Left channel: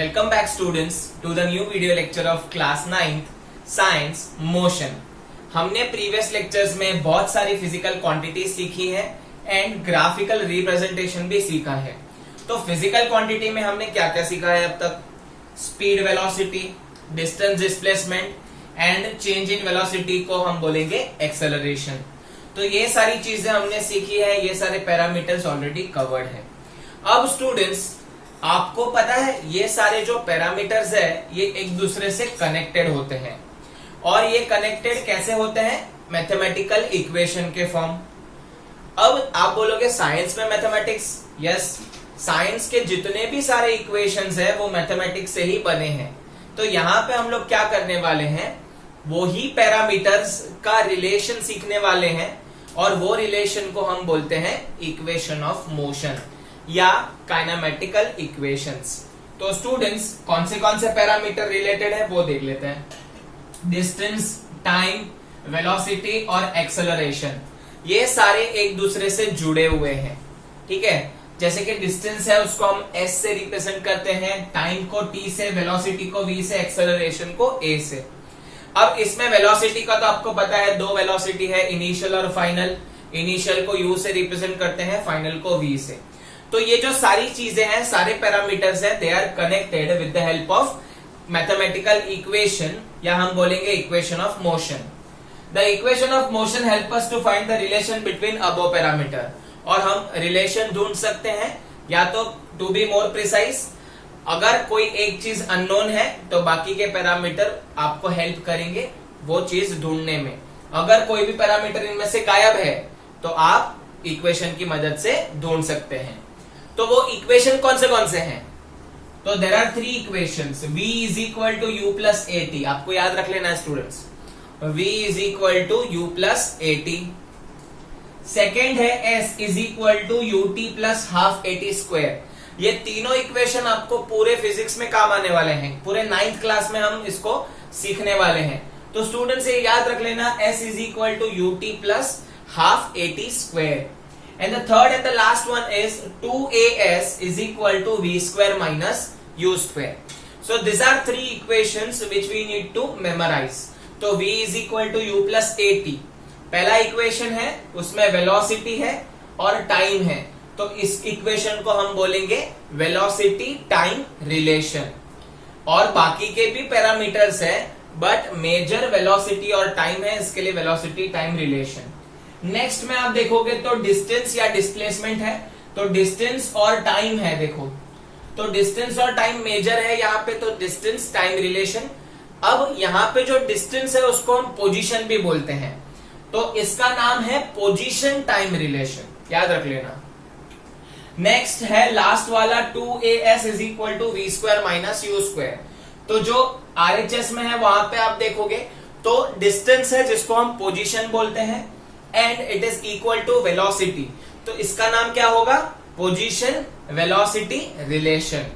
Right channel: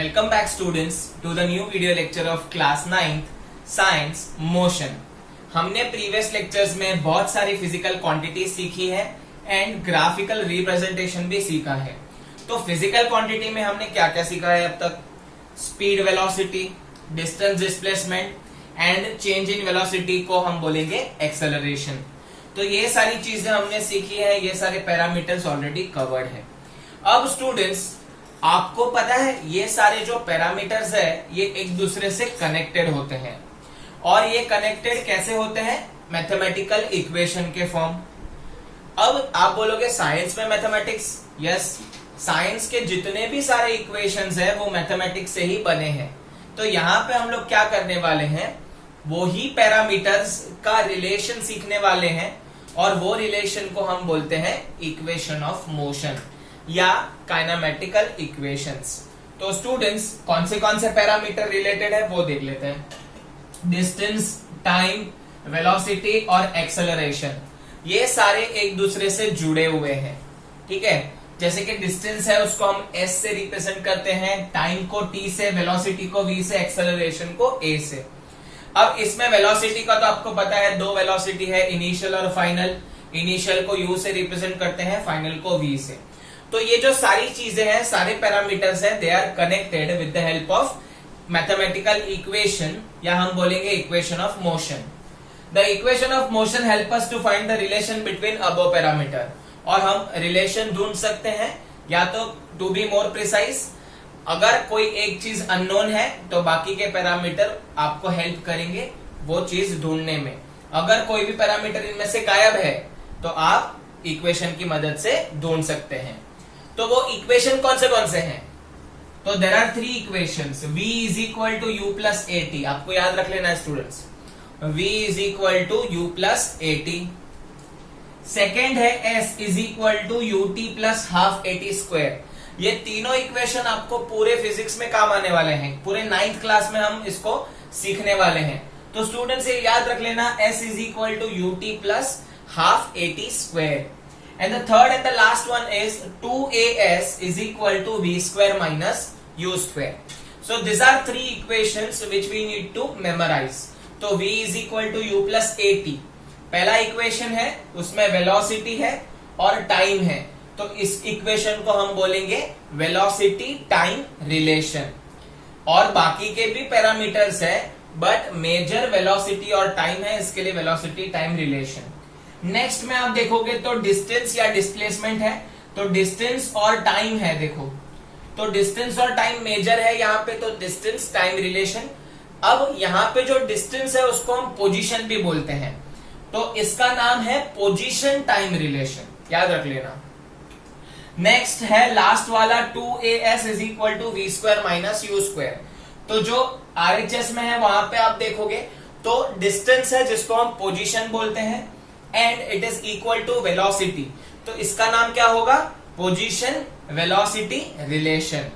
Welcome back students to the new video lecture of class 9th Science Motion। हमने previous lectures में बहुत सारी physical quantity सीखी है एंड ग्राफिकल रिप्रेजेंटेशन भी सीखा है। तो फिजिकल क्वांटिटी में हमने क्या क्या सीखा है अब तक? Speed, velocity, distance, displacement and change in velocity को हम बोलेंगे एक्सेलरेशन। तो ये सारी चीजें हमने सीखी है, ये सारे पैरामीटर्स ऑलरेडी कवर्ड है। अब स्टूडेंट्स आपको पता है ये सारे जो पैरामीटर्स है ये एक दूसरे से कनेक्टेड होते हैं और ये कनेक्टेड कैसे होते हैं? मैथमेटिकल इक्वेशन के फॉर्म। अब आप बोलोगे साइंस में मैथमेटिक्स, यस, साइंस के जितने भी सारे इक्वेशंस है वो मैथमेटिक्स से ही बने हैं। तो यहाँ पे हम लोग क्या करने वाले हैं, वो ही पैरामीटर्स का रिलेशन सीखने वाले हैं और वो रिलेशन को हम बोलते हैं इक्वेशन ऑफ मोशन या काइनेमेटिकल इक्वेशंस। तो स्टूडेंट्स कौन से पैरामीटर रिलेटेड है वो देख लेते हैं। डिस्टेंस, टाइम, वेलोसिटी और एक्सेलरेशन, ये सारे एक दूसरे से जुड़े हुए हैं। ठीक है, जैसे कि डिस्टेंस है उसको हम s से रिप्रेजेंट करते हैं, टाइम को t से, वेलोसिटी को v से, एक्सेलरेशन को a से। अब इसमें वेलोसिटी का तो आपको पता है, दो वेलोसिटी है, इनिशियल और फाइनल। इनिशियल को u से रिप्रेजेंट करते हैं, फाइनल को v से। तो ये जो सारी चीजें हैं, सारे पैरामीटर्स हैं, they are connected with the help of mathematical equation या हम बोलेंगे equation of motion. The equation of motion help us to find the relation between above parameter. और हम रिलेशन ढूंढ सकते हैं, या तो टू बी मोर प्रिसाइज, अगर कोई एक चीज अननोन है तो बाकी के पैरामीटर आपको हेल्प करेंगे वो चीज ढूंढने में। अगर कोई भी पैरामीटर इनमें से गायब है तो आप इक्वेशन की मदद से ढूंढ सकते हैं। तो वो इक्वेशन कौन से हैं? तो there are three equations. v is equal to U plus A T, आपको याद रख लेना है students, v is equal to U plus A T. Second है s is equal to U T plus half A T square. ये तीनों equation आपको पूरे फिजिक्स में काम आने वाले हैं, पूरे 9th क्लास में हम इसको सीखने वाले हैं। तो स्टूडेंट्स ये याद रख लेना, s is equal to U T plus half A T square. And the third and the last one is 2as is equal to v square minus u square. So these are three equations which we need to memorize. तो v is equal to u plus at पहला equation है, उसमें velocity है और time है। तो इस equation को हम बोलेंगे वेलोसिटी टाइम रिलेशन। और बाकी के भी पैरामीटर्स है बट मेजर वेलोसिटी और टाइम है, इसके लिए वेलोसिटी टाइम रिलेशन। नेक्स्ट में आप देखोगे तो डिस्टेंस या डिस्प्लेसमेंट है, तो डिस्टेंस और टाइम है। देखो तो डिस्टेंस और टाइम मेजर है यहाँ पे, तो डिस्टेंस टाइम रिलेशन। अब यहाँ पे जो डिस्टेंस है उसको हम पोजीशन भी बोलते हैं, तो इसका नाम है पोजीशन टाइम रिलेशन, याद रख लेना। नेक्स्ट है लास्ट वाला 2as is equal to V square minus U square. तो जो RHS में है वहां पे आप देखोगे तो डिस्टेंस है जिसको हम पोजीशन बोलते हैं and it is equal to velocity, तो इसका नाम क्या होगा? Position velocity relation.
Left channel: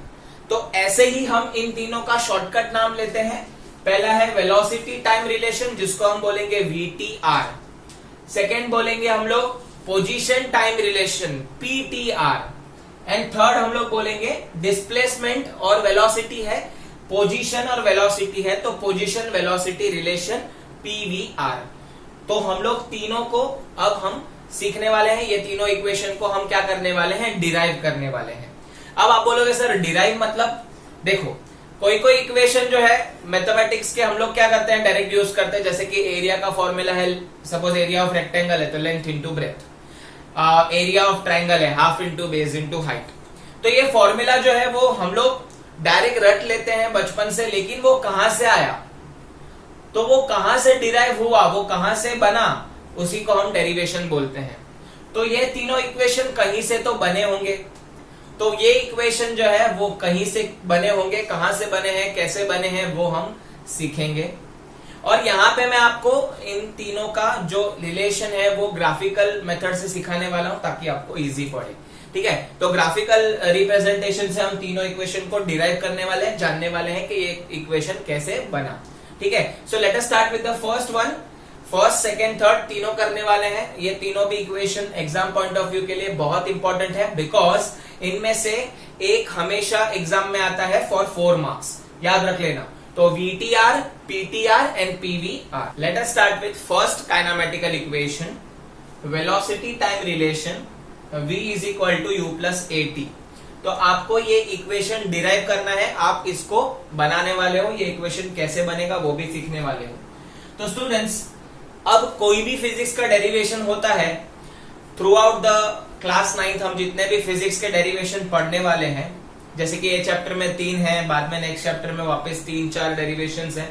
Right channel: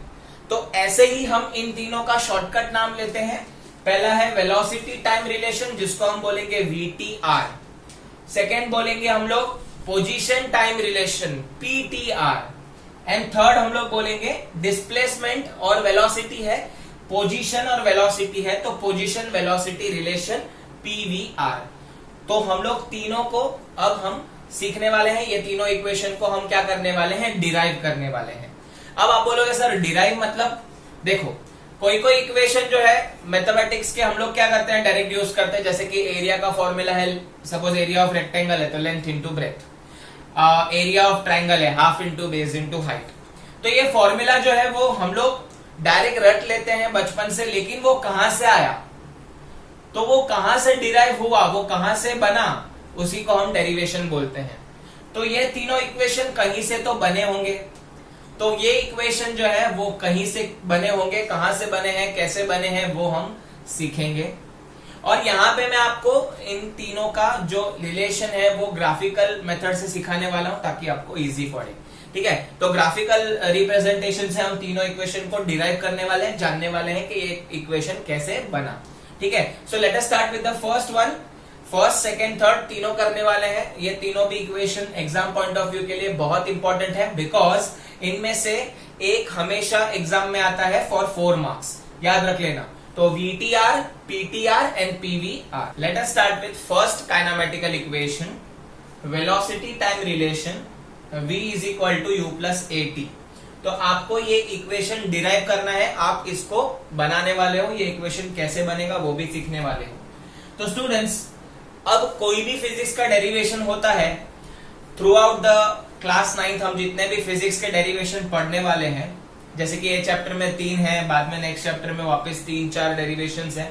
तो ऐसे ही हम इन तीनों का शॉर्टकट नाम लेते हैं। पहला है वेलोसिटी टाइम रिलेशन जिसको हम बोलेंगे VTR। सेकेंड बोलेंगे हम लोग position time relation PTR। And third हम लोग बोलेंगे डिस्प्लेसमेंट और वेलोसिटी है, पोजीशन और वेलोसिटी है, तो पोजीशन वेलोसिटी रिलेशन PVR। तो हम लोग तीनों को अब हम सीखने वाले हैं, ये तीनों इक्वेशन को हम क्या करने वाले हैं? डिराइव करने वाले हैं। अब आप बोलोगे सर डिराइव मतलब? देखो कोई इक्वेशन जो है मैथमेटिक्स के हम लोग क्या करते हैं, डायरेक्ट यूज करते हैं। जैसे कि एरिया का फॉर्मूला है, सपोज एरिया ऑफ रेक्टेंगल है तो length into breadth, area of triangle है half into base into height. तो ये फॉर्मूला जो है वो हम लोग डायरेक्ट रट लेते हैं बचपन से, लेकिन वो कहां से आया, तो वो कहां से डिराइव हुआ, वो कहां से बना, उसी को हम डेरिवेशन बोलते हैं। तो ये तीनों इक्वेशन कहीं से तो बने होंगे, तो ये इक्वेशन जो है वो कहीं से बने होंगे, कहां से बने हैं, कैसे बने हैं, वो हम सीखेंगे। और यहाँ पे मैं आपको इन तीनों का जो रिलेशन है वो ग्राफिकल मेथड से सिखाने वाला हूं ताकि आपको इजी पड़े। ठीक है, तो ग्राफिकल रिप्रेजेंटेशन से हम तीनों इक्वेशन को डिराइव करने वाले हैं, जानने वाले हैं कि ये इक्वेशन कैसे बना। ठीक है, so let us start with the first one. First, second, third तीनों करने वाले हैं। ये तीनों भी equation exam point of view के लिए बहुत इंपॉर्टेंट है, बिकॉज इनमें से एक हमेशा एग्जाम में आता है फॉर 4 मार्क्स, याद रख लेना। तो VTR, PTR and PVR। Let us start with first kinematical equation, velocity time relation V is equal to U plus AT। तो आपको ये इक्वेशन डिराइव करना है, आप इसको बनाने वाले हो, ये इक्वेशन कैसे बनेगा वो भी सीखने वाले हो। तो स्टूडेंट्स, अब कोई भी फिजिक्स का डेरिवेशन होता है, थ्रू आउट द क्लास 9 हम जितने भी फिजिक्स के डेरिवेशन पढ़ने वाले हैं, जैसे कि ये चैप्टर में 3 है, बाद में नेक्स्ट चैप्टर में वापस 3-4 डेरिवेशन है।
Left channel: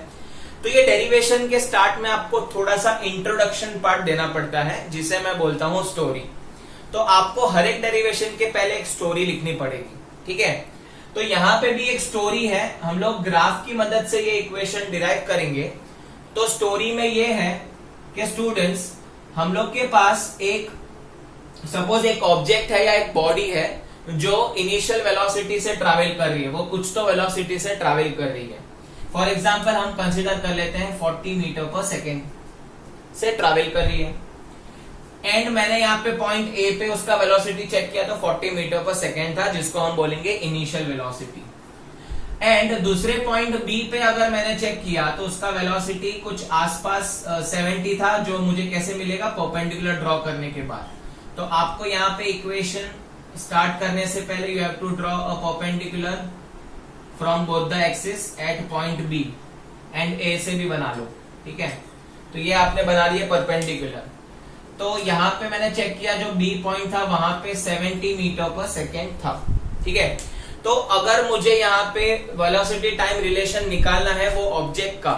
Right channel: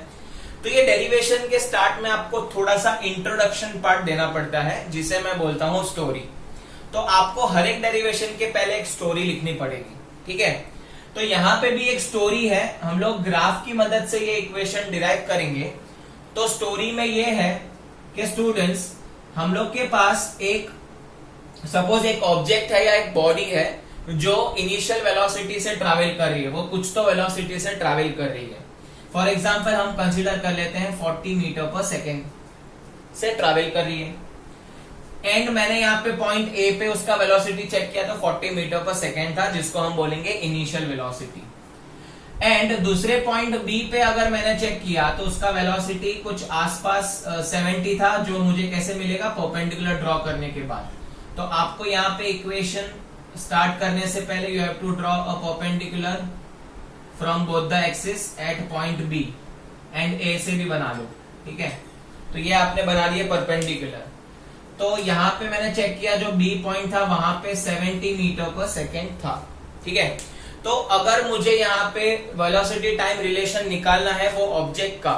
तो ये डेरिवेशन के स्टार्ट में आपको थोड़ा सा इंट्रोडक्शन पार्ट देना पड़ता है, जिसे मैं बोलता हूं स्टोरी। तो आपको हर एक डेरिवेशन के पहले एक स्टोरी लिखनी पड़ेगी, ठीक है। तो यहां पे भी एक स्टोरी है, हम लोग ग्राफ की मदद से ये इक्वेशन डिराइव करेंगे। तो स्टोरी में ये है कि स्टूडेंट्स, हम लोग के पास एक सपोज एक ऑब्जेक्ट है या एक बॉडी है जो इनिशियल वेलोसिटी से ट्रैवल कर रही है, वो कुछ तो वेलोसिटी से ट्रैवल कर रही है। फॉर एग्जांपल हम कंसीडर कर लेते हैं 40 मीटर पर सेकेंड से ट्रैवल कर रही है, एंड मैंने यहाँ पे पॉइंट ए पे उसका वेलोसिटी चेक किया तो 40 मीटर पर सेकेंड था, जिसको हम बोलेंगे इनिशियल वेलोसिटी। एंड दूसरे पॉइंट बी पे अगर मैंने चेक किया तो उसका वेलोसिटी कुछ आसपास 70 था, जो मुझे कैसे मिलेगा, परपेंडिकुलर ड्रॉ करने के बाद। तो आपको यहाँ पे इक्वेशन स्टार्ट करने से पहले you have to draw a perpendicular from both the axis at point B, and A से भी बना लो, ठीक है। तो ये आपने बना लिया परपेंडिकुलर। तो यहाँ पे मैंने चेक किया, जो बी पॉइंट था वहां पे 70 मीटर पर सेकेंड था, ठीक है। तो अगर मुझे यहाँ पे वेलोसिटी टाइम रिलेशन निकालना है वो ऑब्जेक्ट का,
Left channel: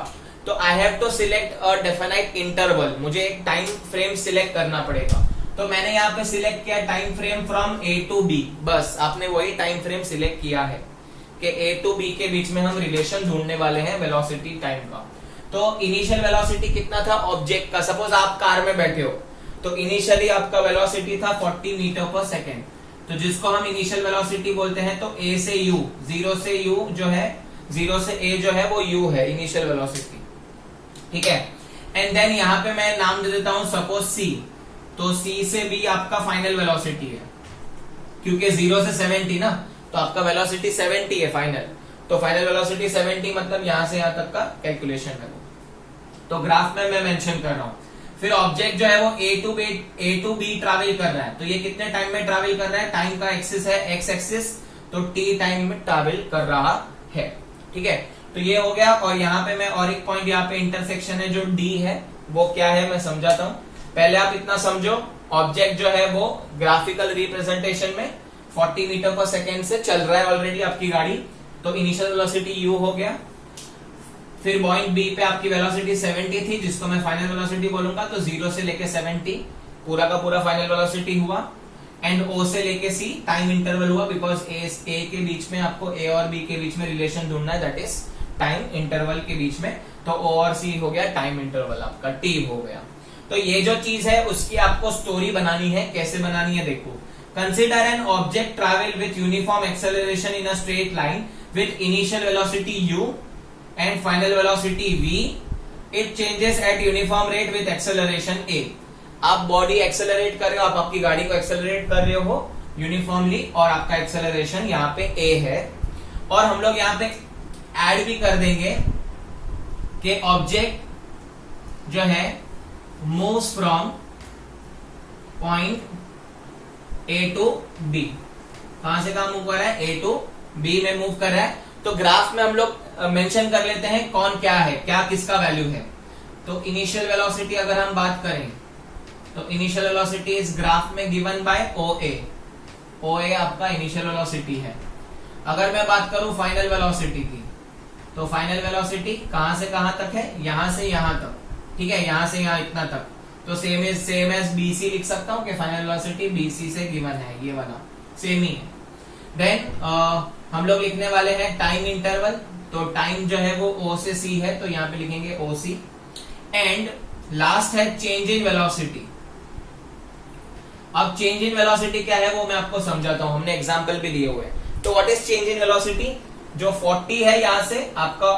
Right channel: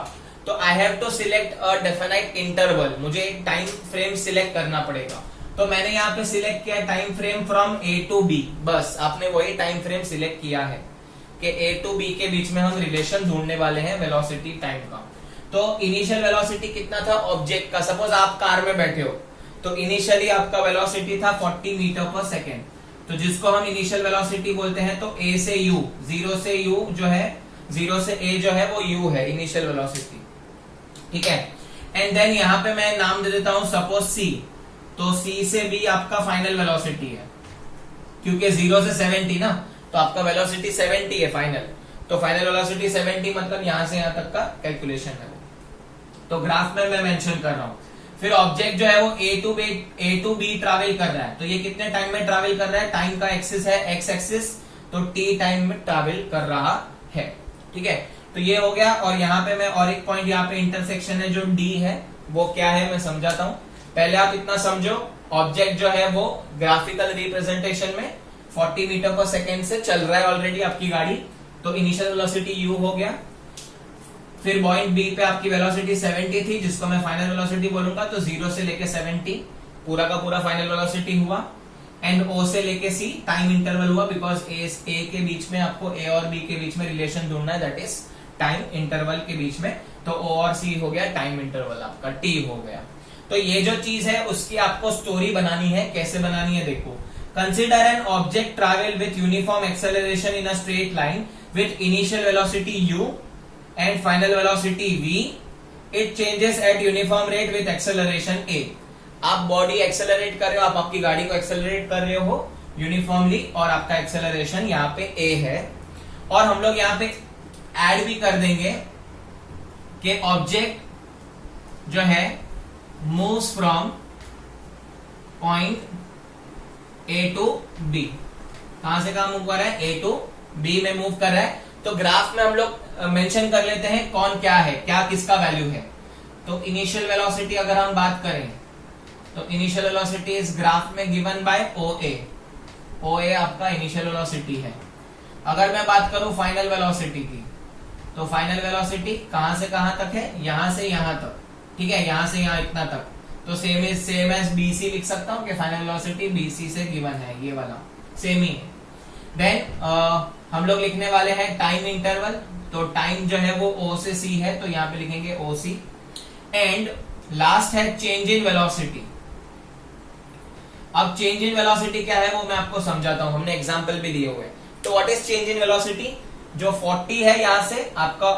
तो I have to select a definite interval, मुझे एक टाइम फ्रेम सिलेक्ट करना पड़ेगा। तो मैंने यहाँ पे सिलेक्ट किया time frame from A to B, बस आपने वही टाइम फ्रेम सिलेक्ट किया है कि A टू B के बीच में हम रिलेशन ढूंढने वाले हैं वेलोसिटी टाइम का। तो इनिशियल वेलोसिटी कितना था ऑब्जेक्ट का, सपोज आप कार में बैठे हो, तो इनिशियली आपका वेलोसिटी था 40 मीटर पर सेकेंड, तो जिसको हम इनिशियल वेलोसिटी बोलते हैं। तो A से U, 0 से U जो है, 0 से A जो है वो U है इनिशियल वेलोसिटी, ठीक है। एंड देन यहाँ पे मैं नाम दे देता हूं सपोज C, तो C से B आपका फाइनल वेलोसिटी है, क्योंकि 0 से 70 ना, तो आपका वेलोसिटी 70 है फाइनल। तो फाइनल वेलोसिटी 70 मतलब यहां से यहां तक का कैलकुलेशन है, तो ग्राफ में मैं मेंशन कर रहा हूं। फिर ऑब्जेक्ट जो है वो A टू B ट्रैवल कर रहा है, तो ये कितने टाइम में ट्रैवल कर रहा है, टाइम का एक्सिस है एक्स एक्सिस, तो T टाइम में ट्रैवल कर रहा है, ठीक है। तो ये हो गया। और यहाँ पे मैं और एक पॉइंट, यहाँ पे इंटरसेक्शन है जो D है, वो क्या है मैं समझाता हूँ। पहले आप इतना समझो, ऑब्जेक्ट जो है वो ग्राफिकल रिप्रेजेंटेशन में 40 मीटर पर सेकेंड से चल रहा है ऑलरेडी आपकी गाड़ी, तो इनिशियल वेलोसिटी U हो गया। फिर पॉइंट बी पे आपकी वेलोसिटी 70 थी, जिसको मैं फाइनल वेलोसिटी बोलूंगा, तो 0 से लेके 70 पूरा का पूरा फाइनल वेलोसिटी हुआ। एंड O से लेके C टाइम इंटरवल हुआ, बिकॉज A के बीच में आपको A और B के बीच में रिलेशन ढूंढना है, दैट इज टाइम इंटरवल के बीच में। तो O और C हो गया टाइम इंटरवल, आपका T हो गया। तो ये जो चीज है उसकी आपको स्टोरी बनानी है। कैसे बनानी है देखो, consider an object travel with uniform acceleration in a straight line with initial velocity U and final velocity V, it changes at uniform rate with acceleration A। आप बॉडी एक्सेलरेट कर रहे हो, आप आपकी गाड़ी को एक्सेलरेट कर रहे हो यूनिफॉर्मली, और आपका एक्सेलरेशन यहाँ पे A है। और हम लोग यहाँ पे ऐड भी कर देंगे कि ऑब्जेक्ट जो है moves from point A to B, कहां से कहां मूव कर रहा है, A टू B में मूव कर रहा है। तो ग्राफ में हम लोग मेंशन कर लेते हैं कौन क्या है, क्या किसका वैल्यू है। तो इनिशियल वेलोसिटी अगर हम बात करें, तो इनिशियल वेलोसिटी इस ग्राफ में गिवन बाय OA आपका इनिशियल वेलोसिटी है। अगर मैं बात करूं फाइनल वेलोसिटी की, तो फाइनल वेलोसिटी कहां से कहां तक है, यहां से यहां तक, ठीक है, यहां से यहां इतना तक। तो सेम एज BC लिख सकता हूं कि फाइनल वेलोसिटी BC से गिवन है, ये वाला सेम ही है। देन हम लोग लिखने वाले हैं टाइम इंटरवल, तो टाइम जो है वो O से C है, तो यहां पे लिखेंगे OC। एंड लास्ट है चेंज इन वेलोसिटी। अब चेंज इन वेलोसिटी क्या है वो मैं आपको समझाता हूं, हमने एग्जांपल भी दिए हुए हैं। तो what is change in velocity, जो 40 है यहां से आपका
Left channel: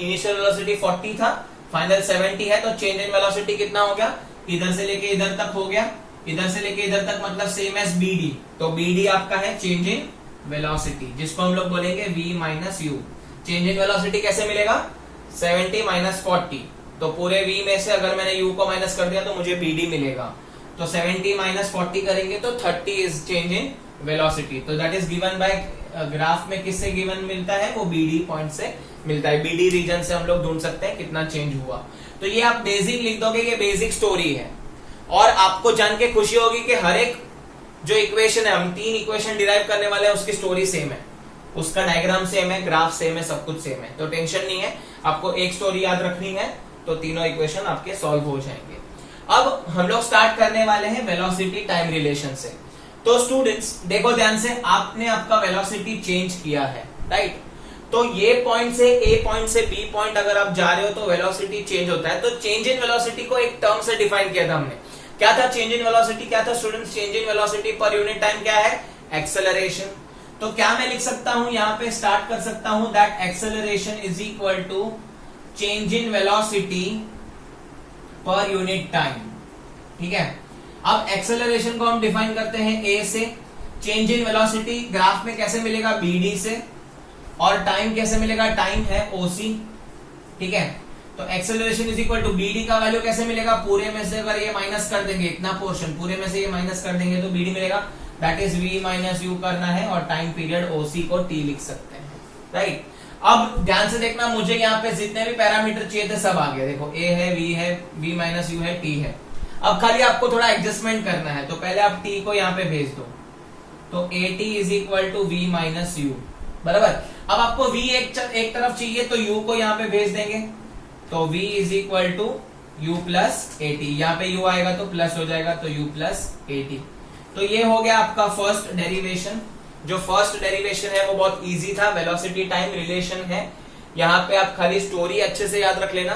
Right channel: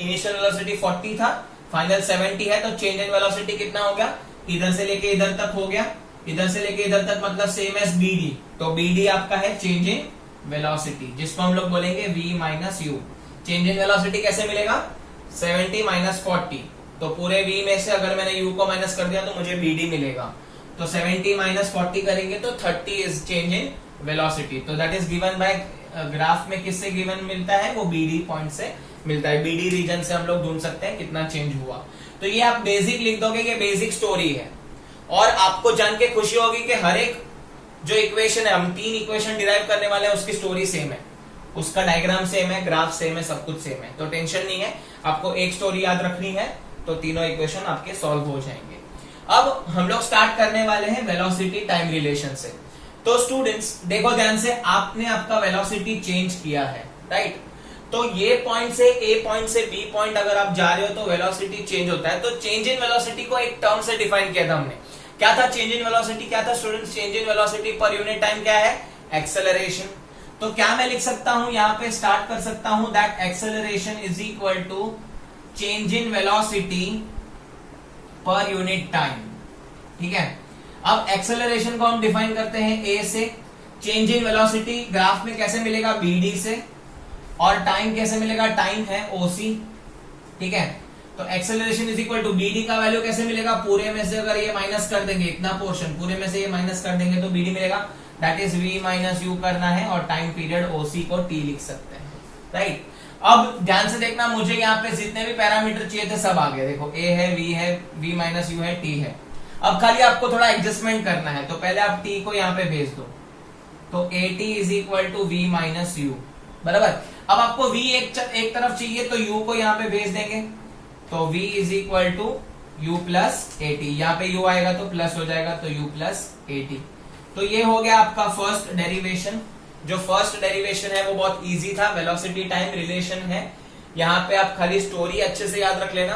इनिशियल वेलोसिटी 40 था, फाइनल 70 है, तो चेंज इन वेलोसिटी कितना हो गया, इधर से लेके इधर तक हो गया, इधर से लेके इधर तक मतलब सेम एज BD। तो BD आपका है चेंज इन वेलोसिटी, जिसको हम लोग बोलेंगे V minus you. Change in velocity कैसे मिलेगा, 70 माइनस 40, तो पूरे V में से अगर मैंने U को माइनस कर दिया तो मुझे BD मिलेगा। तो 70 माइनस 40 करेंगे तो 30 इज चेंज इन वेलोसिटी। तो that is given bye graph में किससे गिवन मिलता है, वो BD पॉइंट से मिलता है। BD रीजन से हम लोग ढूंढ सकते हैं कितना चेंज हुआ। तो ये आप बेसिक लिख दोगे, ये बेसिक स्टोरी है। और आपको जान के खुशी होगी कि हर एक जो इक्वेशन है, हम 3 इक्वेशन डिराइव करने वाले हैं, उसकी स्टोरी सेम है, उसका डायग्राम सेम है, ग्राफ सेम है, सब कुछ सेम है। तो टेंशन नहीं है, आपको एक स्टोरी याद रखनी है तो तीनों इक्वेशन आपके सॉल्व हो जाएंगे। अब हम लोग स्टार्ट करने वाले हैं वेलोसिटी टाइम रिलेशन से। तो स्टूडेंट्स देखो ध्यान से, आपने आपका वेलोसिटी चेंज किया है, राइट। तो ये पॉइंट से A पॉइंट से B पॉइंट अगर आप जा रहे हो तो वेलोसिटी चेंज होता है। तो चेंज इन वेलोसिटी को एक टर्म से डिफाइन किया था हमने। क्या था चेंज इन वेलोसिटी, क्या था स्टूडेंट्स, चेंज इन वेलोसिटी पर यूनिट टाइम क्या है, एक्सेलरेशन। तो क्या मैं लिख सकता हूं, यहां पे स्टार्ट कर सकता हूं that acceleration is equal to change in velocity पर यूनिट टाइम। ठीक है, अब एक्सेलरेशन को हम डिफाइन करते हैं A से, चेंज इन वेलोसिटी ग्राफ में कैसे मिलेगा, BD से, और टाइम कैसे मिलेगा, टाइम है OC। ठीक है, तो acceleration is equal to BD का वैल्यू कैसे मिलेगा, पूरे में से अगर ये माइनस कर देंगे, इतना पोर्शन पूरे में से ये माइनस कर देंगे तो BD मिलेगा, that is V minus you करना है, और टाइम पीरियड OC को T लिख सकते हैं, राइट। अब ध्यान से देखना, मुझे यहाँ पे जितने भी पैरामीटर चाहिए थे सब आ गए। देखो A है, V है, V माइनस यू है, T है। अब खाली आपको थोड़ा एडजस्टमेंट करना है, तो पहले आप T को यहाँ पे भेज दो, तो AT is equal to V minus U, बराबर। अब आपको V एक तरफ चाहिए तो U को यहाँ पे भेज देंगे, तो V is equal to U plus AT, यहाँ पे U आएगा तो प्लस हो जाएगा, तो U प्लस AT। तो ये हो गया आपका फर्स्ट डेरिवेशन। जो फर्स्ट डेरिवेशन है वो बहुत इजी था, वेलोसिटी टाइम रिलेशन है। यहाँ पे आप खाली स्टोरी अच्छे से याद रख लेना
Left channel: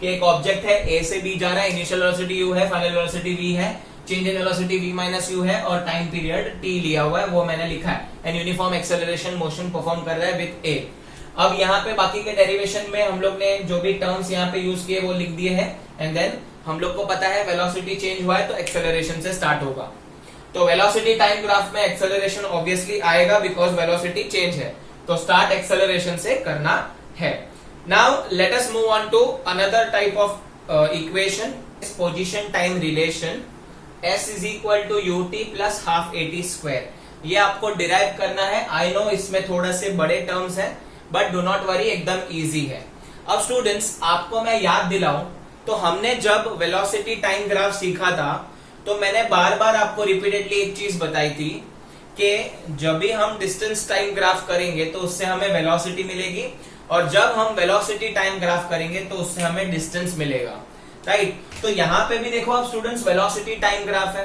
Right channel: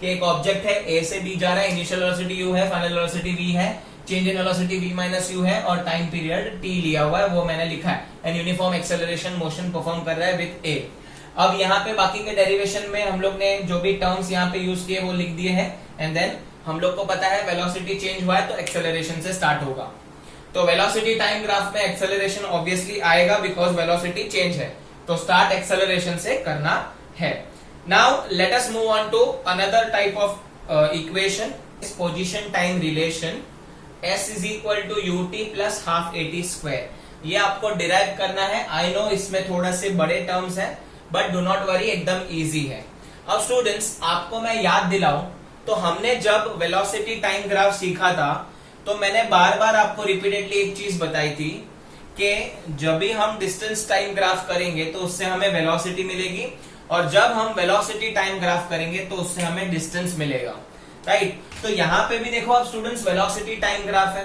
कि एक ऑब्जेक्ट है, A से B जा रहा है, इनिशियल वेलोसिटी U है, फाइनल वेलोसिटी V है, change in velocity V minus you है, और टाइम पीरियड T लिया हुआ है, वो मैंने लिखा है। And uniform acceleration motion perform कर रहा है विथ A। अब यहाँ पे बाकी के डेरिवेशन में हम लोग ने जो भी टर्म्स यहाँ पे यूज किए वो लिख दिए हैं, एंड देन हम लोग को पता है वेलोसिटी चेंज हुआ है तो एक्सेलरेशन से स्टार्ट होगा। तो वेलोसिटी टाइम ग्राफ में एक्सेलरेशन ऑब्वियसली आएगा बिकॉज वेलोसिटी चेंज है, तो स्टार्ट एक्सेलरेशन से करना है। Now let us move on to another type of equation, position time relation. S is equal to UT plus half AT square, ये आपको derive करना है। आई नो इसमें थोड़ा से बड़े टर्म्स हैं, बट डू नॉट वरी, एकदम इजी है। अब स्टूडेंट्स आपको मैं याद दिलाऊं तो हमने जब वेलोसिटी टाइम ग्राफ सीखा था तो मैंने बार बार आपको रिपीटेडली एक चीज बताई थी कि जब भी हम डिस्टेंस टाइम ग्राफ करेंगे तो उससे हमें वेलोसिटी मिलेगी, और जब हम वेलोसिटी टाइम ग्राफ करेंगे तो उससे हमें डिस्टेंस मिलेगा, राइट। तो यहाँ पे भी देखो आप स्टूडेंट्स, वेलोसिटी टाइम ग्राफ है,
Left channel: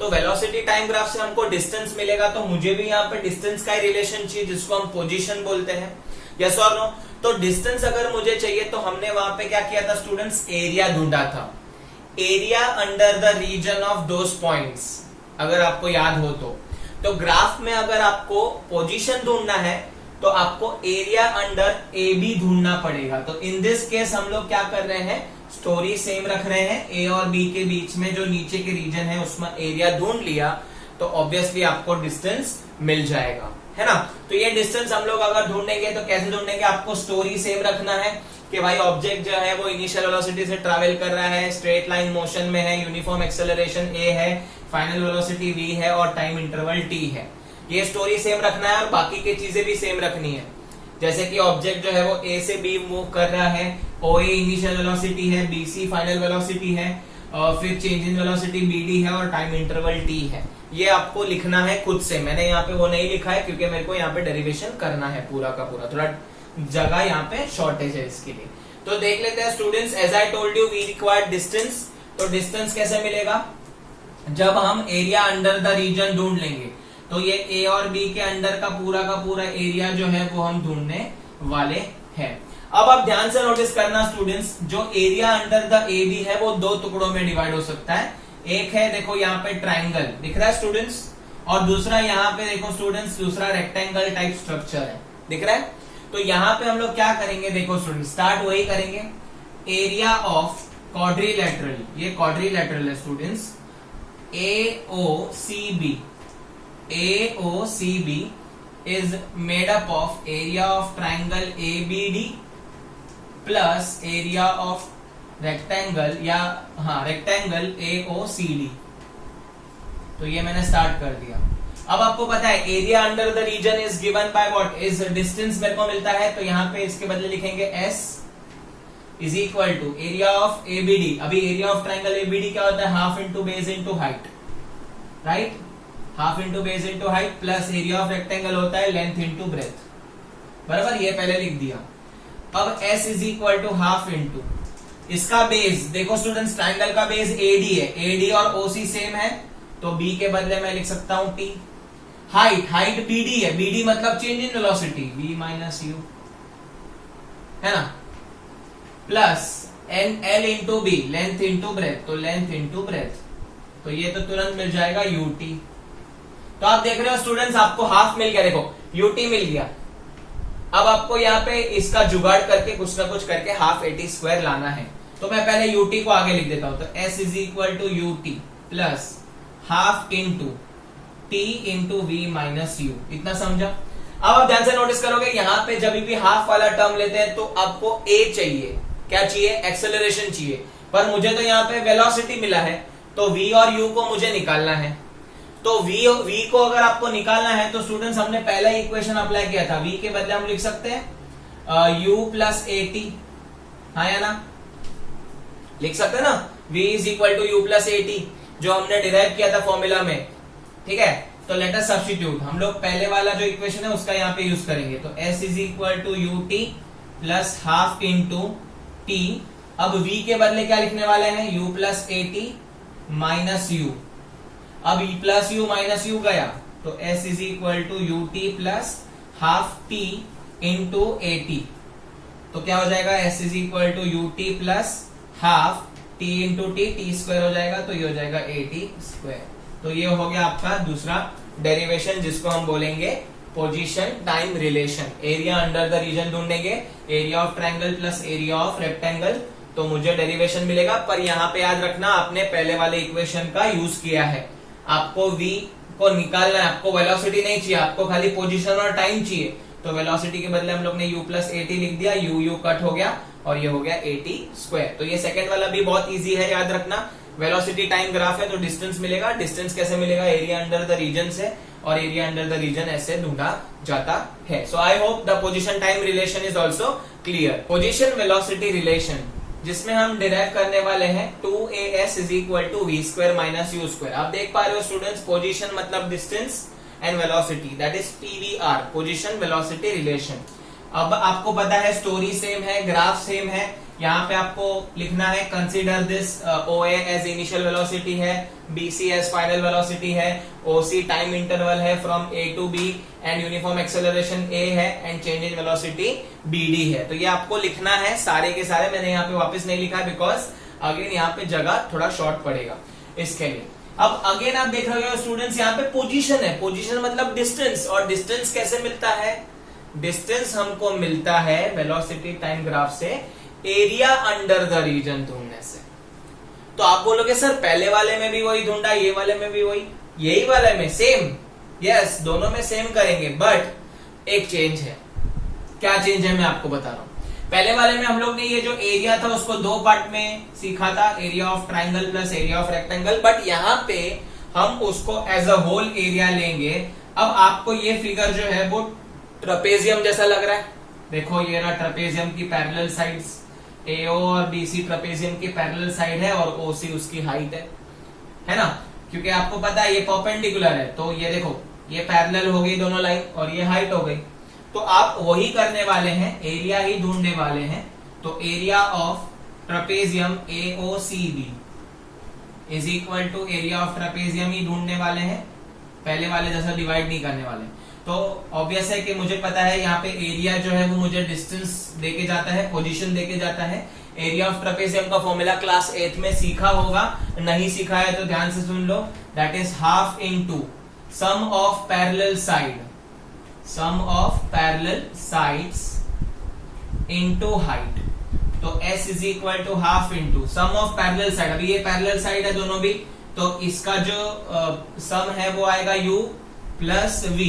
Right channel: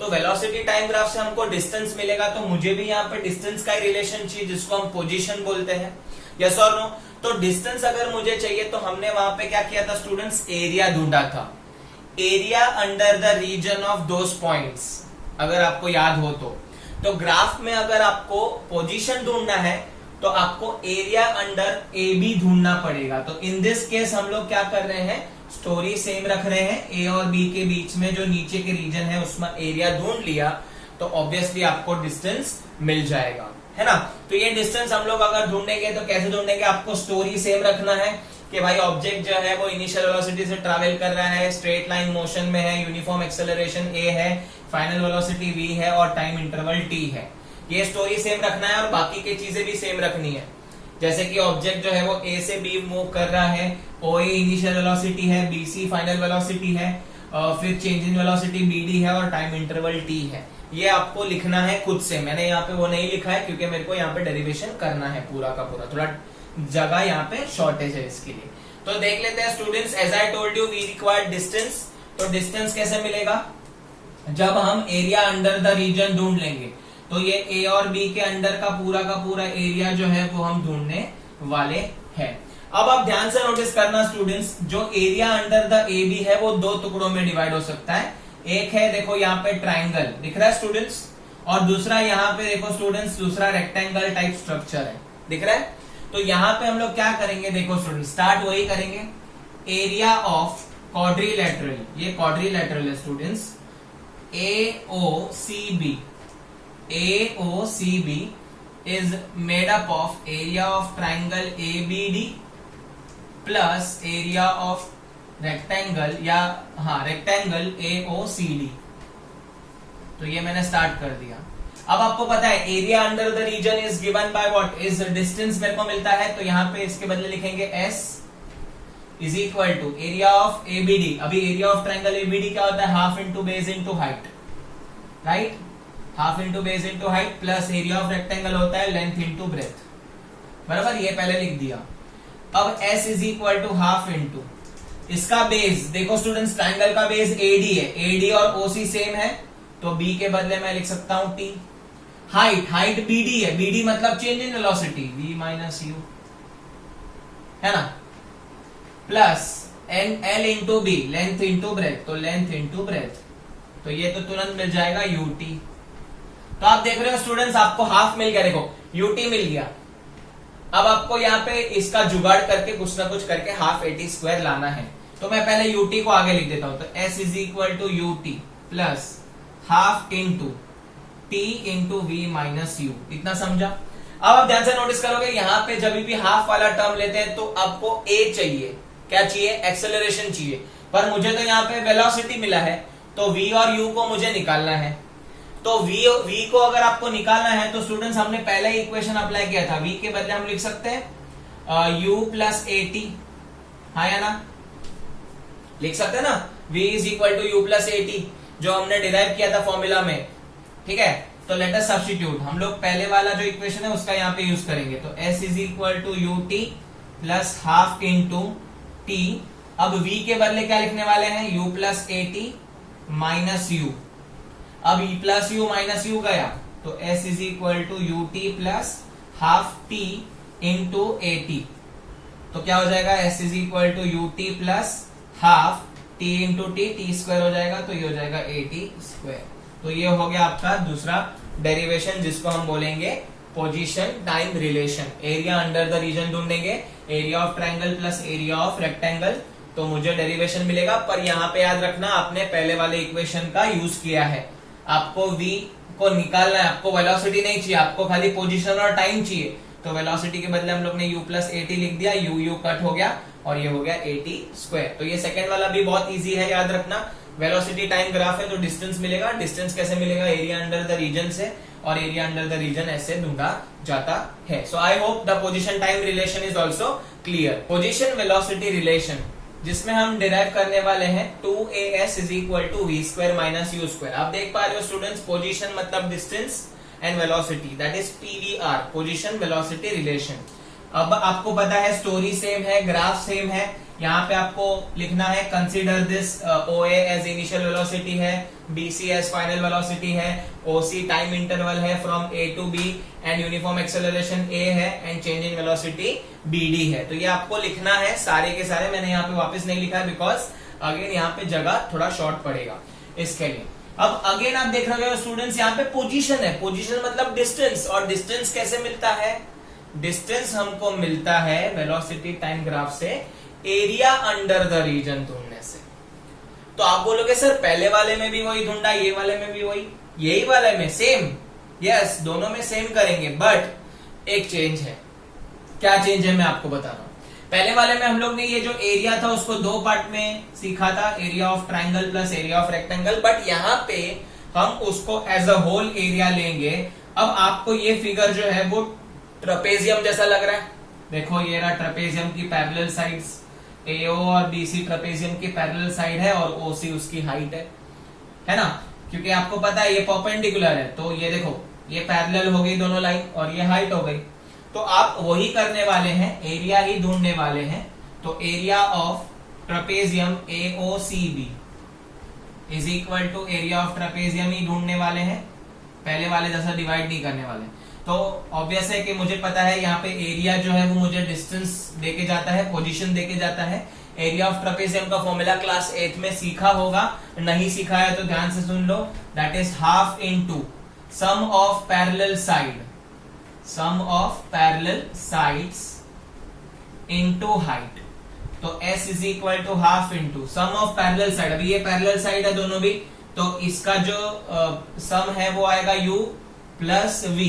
तो वेलोसिटी टाइम ग्राफ से हमको डिस्टेंस मिलेगा, तो मुझे भी यहाँ पे डिस्टेंस का ही रिलेशन चाहिए जिसको हम पोजीशन बोलते हैं, यस और नो। तो डिस्टेंस अगर मुझे चाहिए तो हमने वहां पे क्या किया था स्टूडेंट्स, एरिया ढूंढा था, area under the region of those points, अगर आपको याद हो तो ग्राफ में अगर आपको पोजीशन ढूंढना है तो आपको एरिया अंडर AB ढूंढना पड़ेगा। तो इन दिस केस हम लोग क्या कर रहे हैं, स्टोरी सेम रख रहे हैं, A और B के बीच में जो नीचे के रीजन है उसमें एरिया ढूंढ लिया तो ऑब्वियसली आपको डिस्टेंस मिल जाएगा, है ना। तो ये डिस्टेंस हम लोग अगर ढूंढेंगे तो कैसे ढूंढेंगे, आपको स्टोरी सेम रखना है कि भाई ऑब्जेक्ट जो है वो इनिशियल वेलोसिटी से ट्रैवल कर रहा है, स्ट्रेट लाइन मोशन में है, यूनिफॉर्म एक्सेलरेशन A है, फाइनल वेलोसिटी V है, और टाइम इंटरवल T है। ये स्टोरी सेम रखना है और बाकी की चीजें भी सेम रखनी है, जैसे कि ऑब्जेक्ट जो है वो A से B मूव कर रहा है, OA इनिशियल वेलोसिटी है, BC फाइनल वेलोसिटी है, फिर चेंज इन वेलोसिटी BD है, और टाइम इंटरवल T है। ये आपको लिखना है खुद से, मैंने यहाँ पे वो नहीं लिखा है क्योंकि मेरे को यहाँ पे डेरिवेशन करना है पूरा का पूरा, थोड़ा जगह यहाँ पे शॉर्टेज है इसके लिए। तो देख लेते हैं students, as I told you we required distance. तो डिस्टेंस कैसे मिलेगा, जब हम एरिया अंडर द रीजन ढूंढ लेंगे, तो ये A और B के अंडर का पूरा एरिया जो है वो हम ढूंढने वाले हैं। अब आप ध्यान से नोटिस करना स्टूडेंट्स, जो एरिया अंडर द AB है वो दो टुकड़ों में डिवाइड हो सकता है। एक है देखो यहाँ पे ट्राइंगल दिख रहा है स्टूडेंट्स, और दूसरा यहाँ पे देखो स्टूडेंट्स, दूसरा रेक्टेंगल टाइप स्ट्रक्चर है, दिख रहा है। तो यहाँ पे हम लोग क्या करेंगे, देखो स्टूडेंट स्टार्ट वही करेंगे, एरिया ऑफ क्वाड्रिलेटरल, ये क्वाड्रिलेटरल है students, AOCB, AOCB is made up of area of triangle ABD plus area of rectangle या rectangle AOCD। तो ये मैंने स्टार्ट कर दिया। अब आपको पता है area under the region is given by what, is distance मेरे को मिलता है, तो यहाँ पे इसके बदले लिखेंगे S is equal to area of ABD। अभी एरिया ऑफ ट्राइंगल ABD क्या होता है, half into base into height, right, half into base into height, plus area of rectangle होता है लेंथ इंटू ब्रेथ, बराबर, ये पहले लिख दिया। अब S is equal to half into इसका बेस, देखो स्टूडेंट्स ट्राइंगल का बेस AD है, AD और OC सेम है, तो B के बदले मैं लिख सकता हूं T। हाइट BD है, BD मतलब change in velocity, V minus U, है ना, plus L into B, length into breath, तो लेंथ इंटू ब्रेथ, तो ये तो तुरंत मिल जाएगा UT। तो आप देख रहे हो स्टूडेंट्स, आपको हाफ मिल गया, देखो UT मिल गया। अब आपको यहाँ पे इसका जुगाड़ करके कुछ ना कुछ करके हाफ AT² लाना है, तो मैं पहले UT को आगे लिख देता हूं, तो S is equal to UT plus half into T into V minus U, इतना समझा। अब आप ध्यान से नोटिस करोगे यहाँ पे जब भी हाफ वाला टर्म लेते हैं तो आपको A चाहिए, क्या चाहिए, एक्सेलरेशन चाहिए, पर मुझे तो यहाँ पे वेलोसिटी मिला है, तो V और U को मुझे निकालना है। तो V को अगर आपको निकालना है तो स्टूडेंट्स हमने पहला ही इक्वेशन अप्लाई किया था, V के बदले हम लिख सकते हैं U प्लस AT, हाँ या ना, लिख सकते हैं ना, V is equal to U plus AT, जो हमने डिराइव किया था फॉर्मूला में, ठीक है। तो लेट अस सब्स्टिट्यूट, हम लोग पहले वाला जो इक्वेशन है उसका यहाँ पे यूज करेंगे, तो S is equal to UT plus half into T। अब V के बदले क्या लिखने वाले हैं, U plus AT minus U। अब E plus U minus U गया, तो S is equal to UT plus half T into AT, तो क्या हो जाएगा, S is equal to UT plus half T into T² हो जाएगा, तो ये हो जाएगा AT²। तो ये हो गया आपका दूसरा डेरिवेशन, जिसको हम बोलेंगे position time relation. Area under the region ढूंढेंगे, area of triangle plus area of rectangle, तो मुझे डेरिवेशन मिलेगा। पर यहाँ पे याद रखना, आपने पहले वाले इक्वेशन का यूज किया है, आपको V को निकालना है, आपको वेलोसिटी नहीं चाहिए, आपको खाली पोजीशन और टाइम चाहिए, तो वेलोसिटी के बदले हम लोग ने U प्लस AT लिख दिया, U कट हो गया और ये हो गया AT²। तो ये सेकंड वाला भी बहुत इजी है, याद रखना, वेलोसिटी टाइम ग्राफ है तो डिस्टेंस मिलेगा। डिस्टेंस कैसे मिलेगा, एरिया अंडर द रीजन से, और एरिया अंडर द रीजन ऐसे ढूंढा जाता है। So I hope the position time relation is also clear. Position velocity relation, जिसमें हम डिराइव करने वाले हैं 2AS is equal to V² minus U²। आप देख पा रहे हो स्टूडेंट्स, पोजीशन मतलब distance and velocity, that is PVR, position velocity relation. अब आपको पता है स्टोरी सेम है, ग्राफ सेम है, यहाँ पे आपको लिखना है consider this OA as initial velocity है, BC एज फाइनल वेलोसिटी है, OC टाइम इंटरवल है from A to B, and uniform acceleration A है, and change in velocity BD है। तो ये आपको लिखना है सारे के सारे, मैंने यहाँ पे वापस नहीं लिखा है बिकॉज अगेन यहाँ पे जगह थोड़ा शॉर्ट पड़ेगा इसके लिए। अब अगेन आप देख रहे हो स्टूडेंट्स, यहाँ पे पोजीशन है, पोजीशन मतलब डिस्टेंस, और डिस्टेंस कैसे मिलता है, डिस्टेंस हमको मिलता है वेलोसिटी टाइम ग्राफ से एरिया अंडर द रीजन ढूंढने से। तो आप बोलोगे सर पहले वाले में भी वही ढूंढा, ये वाले में भी वही, यही वाले में सेम, यस दोनों में सेम करेंगे, बट एक चेंज है। क्या चेंज है मैं आपको बता रहा हूं। पहले वाले में हम लोग ने ये जो एरिया था उसको दो पार्ट में सीखा था, area of triangle plus area of rectangle, but यहाँ पे हम उसको एज अ होल एरिया लेंगे। अब आपको ये फिगर जो है वो ट्रेपेजियम जैसा लग रहा है, देखो ये रहा ट्रेपेजियम की पैरेलल साइड्स, AO और BC ट्रेपेजियम की पैरेलल साइड है और OC उसकी हाइट है ना, क्योंकि आपको पता है ये परपेंडिकुलर है, तो ये देखो ये पैरेलल हो गई दोनों लाइन और ये हाइट हो गई। तो आप वही करने वाले हैं, एरिया ही ढूंढने वाले हैं। तो area of trapezium AOCB is equal to area of trapezium ही ढूंढने वाले हैं, पहले वाले जैसा डिवाइड नहीं करने वाले। तो ऑब्वियस है कि मुझे पता है यहाँ पे एरिया जो है वो मुझे डिस्टेंस देके जाता है, पोजीशन देके जाता है। एरिया ऑफ ट्रेपेजियम का फॉर्मूला क्लास 8 में सीखा होगा, नहीं सीखा है तो ध्यान से सुन लो, that is half into sum of parallel side, sum of parallel sides into height. तो s is equal to half into sum of parallel side, अभी ये पैरेलल साइड है दोनों भी, तो इसका जो सम है वो आएगा u plus v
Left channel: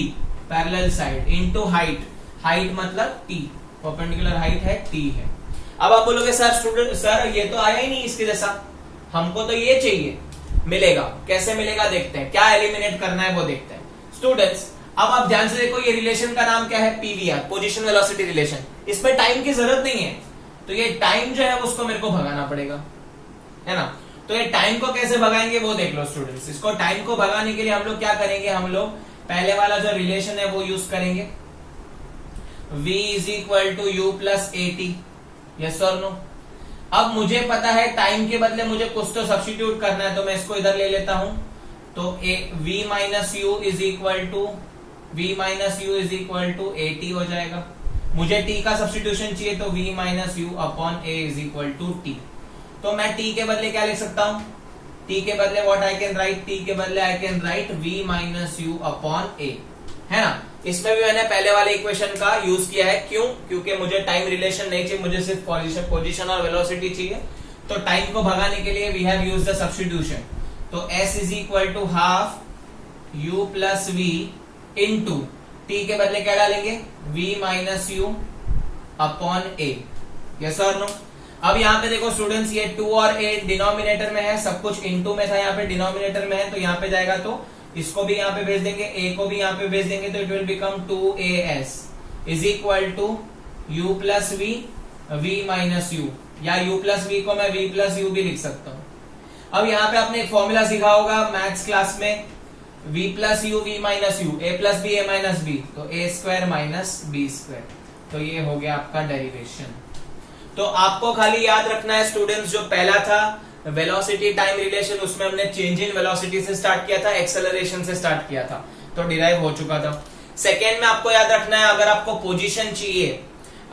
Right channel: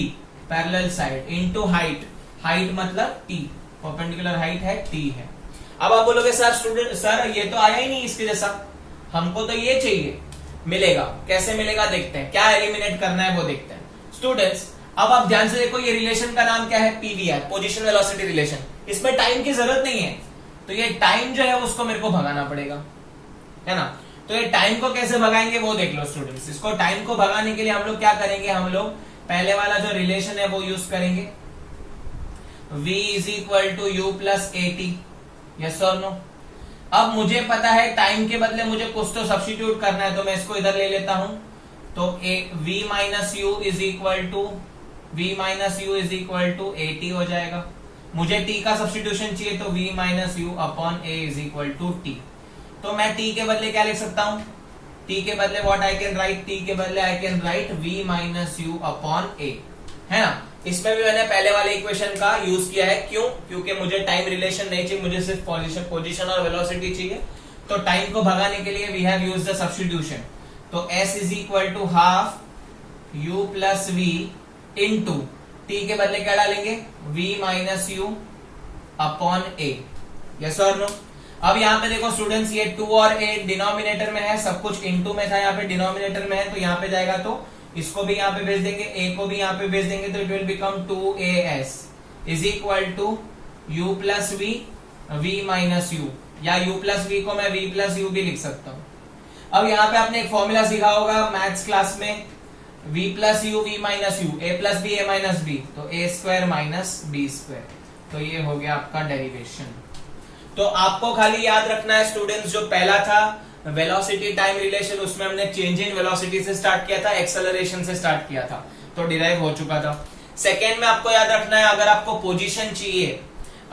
parallel side into height, height मतलब t, परपेंडिकुलर हाइट है t है। अब आप बोलोगे सर स्टूडेंट सर ये तो आया ही नहीं इसके जैसा, हमको तो ये चाहिए, मिलेगा कैसे मिलेगा देखते हैं, क्या एलिमिनेट करना है वो देखते हैं। स्टूडेंट्स अब आप ध्यान से देखो, ये रिलेशन का नाम क्या है, पीवीआर, पोजीशन वेलोसिटी रिलेशन। इसमें टाइम की जरूरत नहीं है, तो ये टाइम जो है उसको मेरे को भगाना पड़ेगा, है ना। तो ये टाइम को कैसे भगाएंगे वो देख लो स्टूडेंट्स। इसको टाइम को भगाने के लिए हम लोग क्या करेंगे, हम लोग पहले वाला जो रिलेशन है वो यूज करेंगे, v is equal to U plus A T, yes और नो। अब मुझे पता है टाइम के बदले मुझे कुछ तो सब्स्टिट्यूट करना है, तो मैं इसको इधर ले लेता हूं, तो v minus U is equal to A T हो जाएगा। मुझे t का सब्स्टिट्यूशन चाहिए, तो v minus U upon A is equal to T. तो मैं t के बदले क्या लिख सकता हूं, t के बदले what I can write, t के बदले I can write v minus U upon A, है ना। इसमें भी मैंने पहले वाले इक्वेशन का यूज किया है, क्यों, क्योंकि मुझे टाइम रिलेशन नहीं चाहिए, मुझे सिर्फ पोजीशन और वेलोसिटी चाहिए। तो टाइम को भगाने के लिए we have used the substitution, तो s is equal to half u plus v into t के बदले क्या डालेंगे, v minus U upon A, yes और नो। अब यहाँ पे देखो स्टूडेंट्स, ये 2 और a डिनोमिनेटर में है, सब कुछ इनटू में था, यहाँ पे डिनोमिनेटर में है, तो यहाँ पे जाएगा, तो इसको भी यहाँ पे भेज देंगे, a को भी यहाँ पे भेज देंगे, तो it will become 2as is equal to u plus v minus U, या u प्लस v को मैं v प्लस यू भी लिख सकता हूँ। अब यहाँ पे आपने एक फॉर्मूला सीखा होगा मैथ्स क्लास में, v plus U v minus U, a plus B a minus B, तो a square minus B square, तो ये हो गया आपका डेरिवेशन। तो आपको खाली याद रखना है स्टूडेंट्स, जो पहला था वेलोसिटी टाइम रिलेशन, उसमें हमने चेंज इन वेलोसिटी से स्टार्ट किया था, एक्सेलरेशन से स्टार्ट किया था, तो डिराइव हो चुका था। सेकेंड में आपको याद रखना है, अगर आपको पोजीशन चाहिए,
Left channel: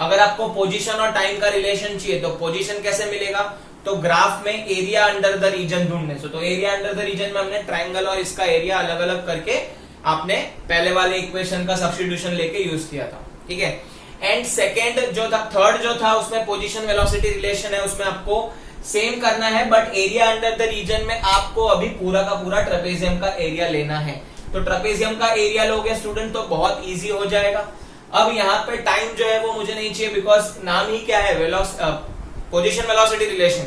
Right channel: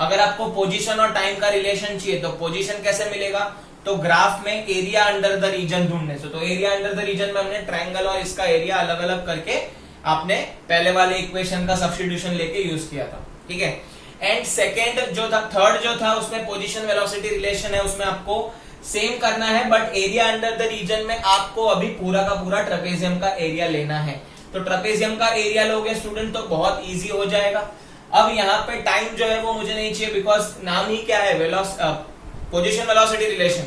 अगर आपको पोजीशन और टाइम का रिलेशन चाहिए, तो पोजीशन कैसे मिलेगा, तो ग्राफ में एरिया अंडर द रीजन ढूंढने से। तो एरिया अंडर द रीजन में हमने ट्राइंगल और इसका एरिया अलग अलग करके आपने पहले वाले इक्वेशन का सब्स्टिट्यूशन लेके यूज किया था, ठीक है। एंड सेकेंड जो था, थर्ड जो था, उसमें पोजीशन वेलोसिटी रिलेशन है, उसमें आपको सेम करना है, but area under the region में आपको अभी पूरा का पूरा ट्रेपेजियम का एरिया लेना है। तो ट्रेपेजियम का एरिया लोगे स्टूडेंट तो बहुत इजी हो जाएगा। अब यहाँ पे टाइम जो है वो मुझे नहीं चाहिए, बिकॉज नाम ही क्या है, पोजीशन वेलोसिटी रिलेशन,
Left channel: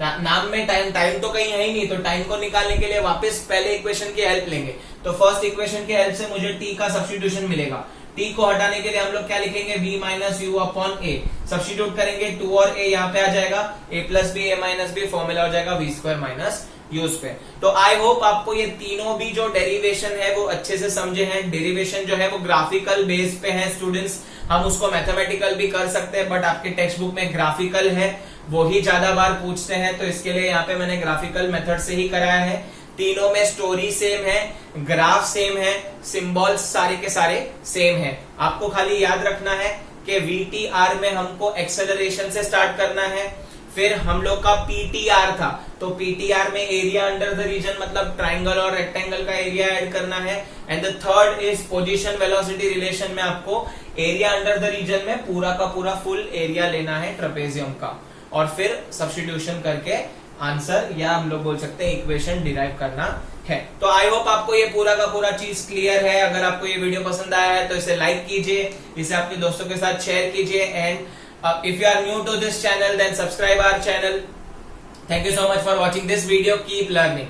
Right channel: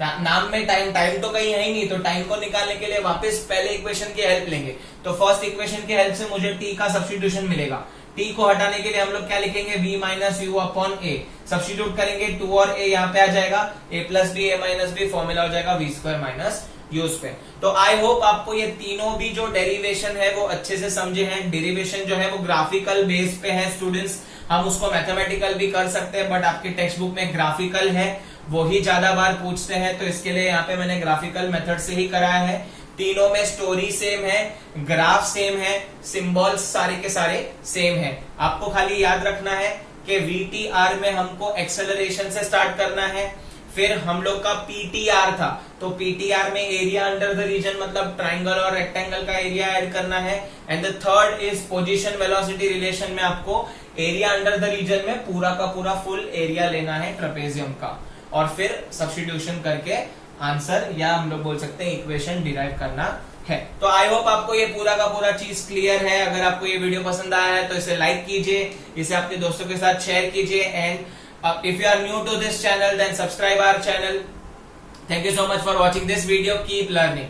नाम में टाइम तो कहीं है ही नहीं, तो टाइम को निकालने के लिए वापस पहले इक्वेशन की हेल्प लेंगे। तो फर्स्ट इक्वेशन की हेल्प से मुझे t का सब्स्टिट्यूशन मिलेगा, t को हटाने के लिए हम लोग क्या लिखेंगे, v minus U upon A, substitute करेंगे, 2 और a यहाँ पे आ जाएगा, a plus B a minus B, formula हो जाएगा v square minus U square. तो आई होप आपको ये तीनों भी जो डेरिवेशन है वो अच्छे से समझे हैं। डेरिवेशन जो है वो ग्राफिकल बेस पे है स्टूडेंट्स, हम उसको मैथमेटिकल भी कर सकते हैं, बट आपके टेक्स्ट बुक में ग्राफिकल है, वो ही ज्यादा बार पूछते हैं, तो इसके लिए यहाँ पे मैंने ग्राफिकल मेथड से ही कराया है। तीनों में स्टोरी सेम है, ग्राफ सेम है, सिंबल्स सारे के सारे सेम है। आपको खाली याद रखना है कि VTR में हमको एक्सेलरेशन से स्टार्ट करना है, फिर हम लोग का PTR था, तो PTR में एरिया अंडर द रीजन मतलब ट्राइंगल और रेक्टेंगल का एरिया ऐड करना है। And the third is position velocity relation में आपको एरिया अंडर द रीजन में पूरा का पूरा फुल एरिया लेना है ट्रेपेजियम का, और फिर सब्स्टिट्यूशन करके आंसर या हम लोग बोल सकते हैं इक्वेशन डिराइव करना है। तो आई होप आपको ये पूरा का पूरा चीज क्लियर है। अगर आपको ये वीडियो पसंद आया है तो इसे लाइक कीजिए, इसे अपने दोस्तों के साथ शेयर कीजिए, and if you are new to this channel then subscribe our channel. Thank you so much for watching this video. Keep learning.